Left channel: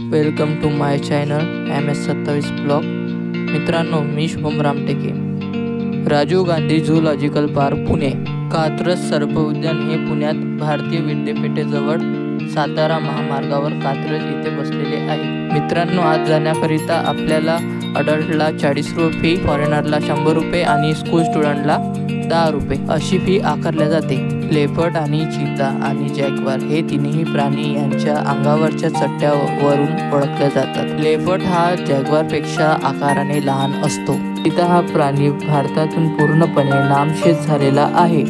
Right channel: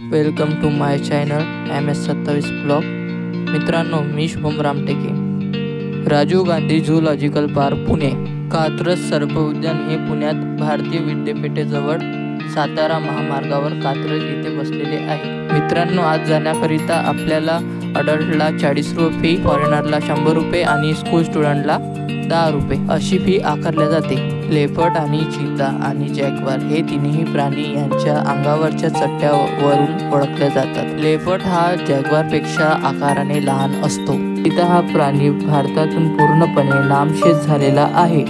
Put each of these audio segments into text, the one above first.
Welcome to my channel MS27 blog. मित्रांनो, मी Shubham Ramteke. Rajiv Gandhi zoological park Pune. Katraj सर्प उद्यान हे पुण्यात भारतीय विद्यापीठेजवळ सातारा महामार्गावर कात्रज येथे बसलेले आहे। मित्रांनो, आज जाण्याकरिता आपल्याला अडल्टला 40 रुपये फी, फॉरेनरला 100 रुपये आणि स्कूल स्टुडंटला 10 रुपये अशी फी आकारल्या जाते। लेपर्ड आणि चीता आणि जॅग्वार हे तिन्ही प्राणी यांच्या अंगावरच्या चट्ट्यावरून ओळखले जातात। लेपर्ड हा जॅग्वारपेक्षा आकाराने लहान असतो। चीता हा प्राणी भारतातून पूर्णपणे नामशेष झालेला आहे।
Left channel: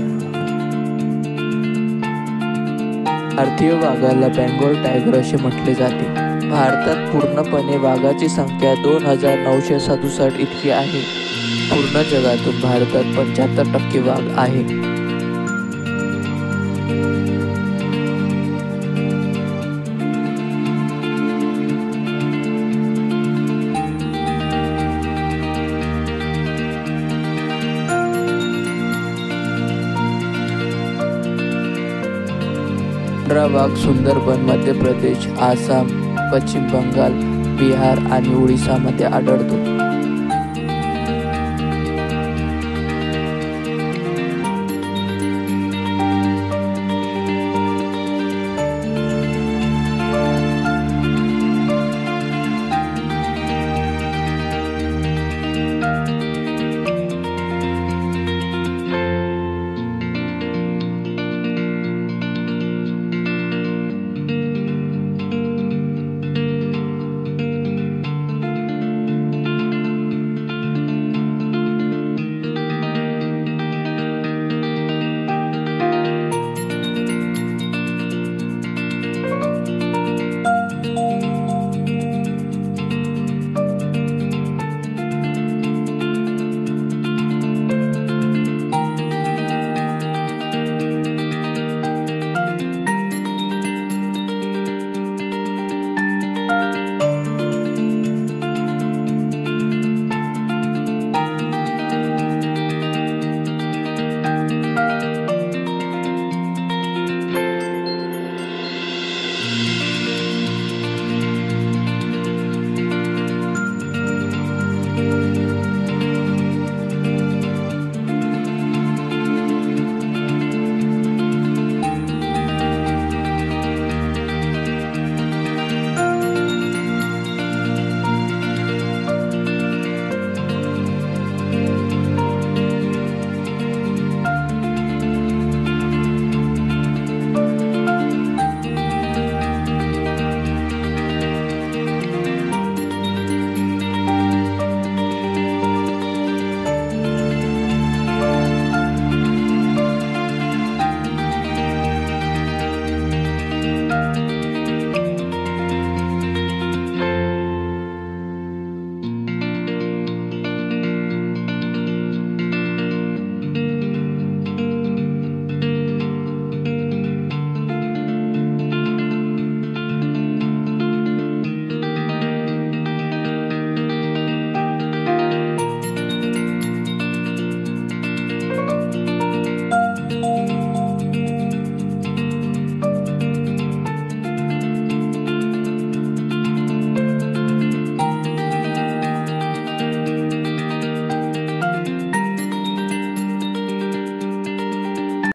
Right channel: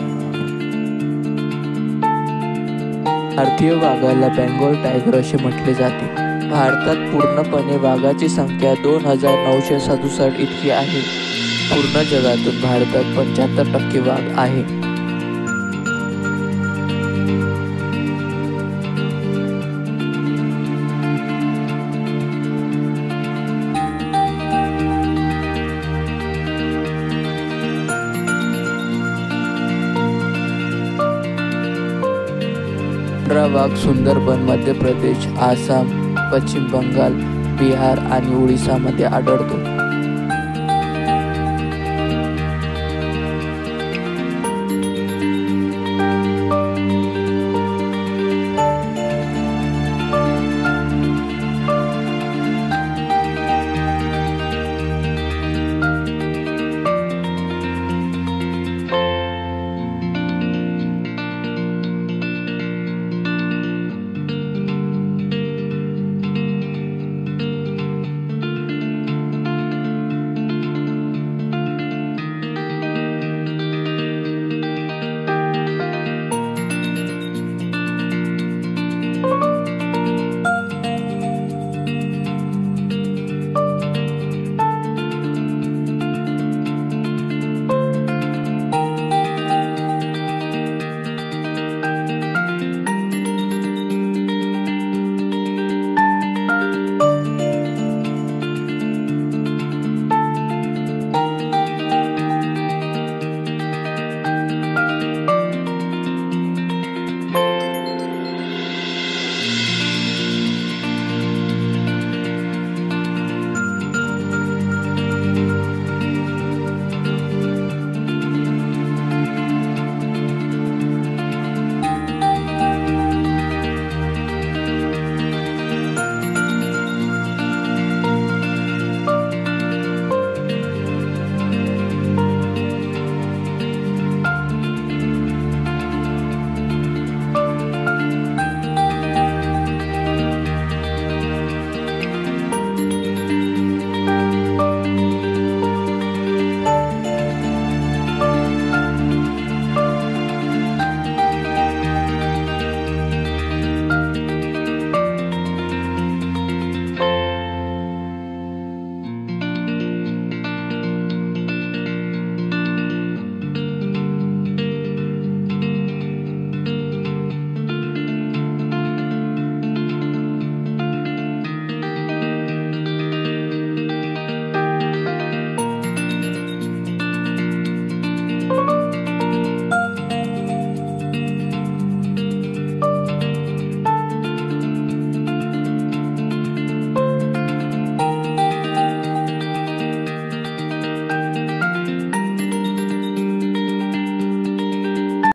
भारतीय वाघाला बेंगॉल टायगर असे म्हटले जाते। भारतात पूर्णपणे वाघाची संख्या 2967 इतकी आहे। पूर्ण जगातून भारतात 75% वाघ आहे। वाघ सुंदरबन, मध्य प्रदेश, आसाम, पश्चिम बंगाल, बिहार आणि ओडिसामध्ये आढळतो।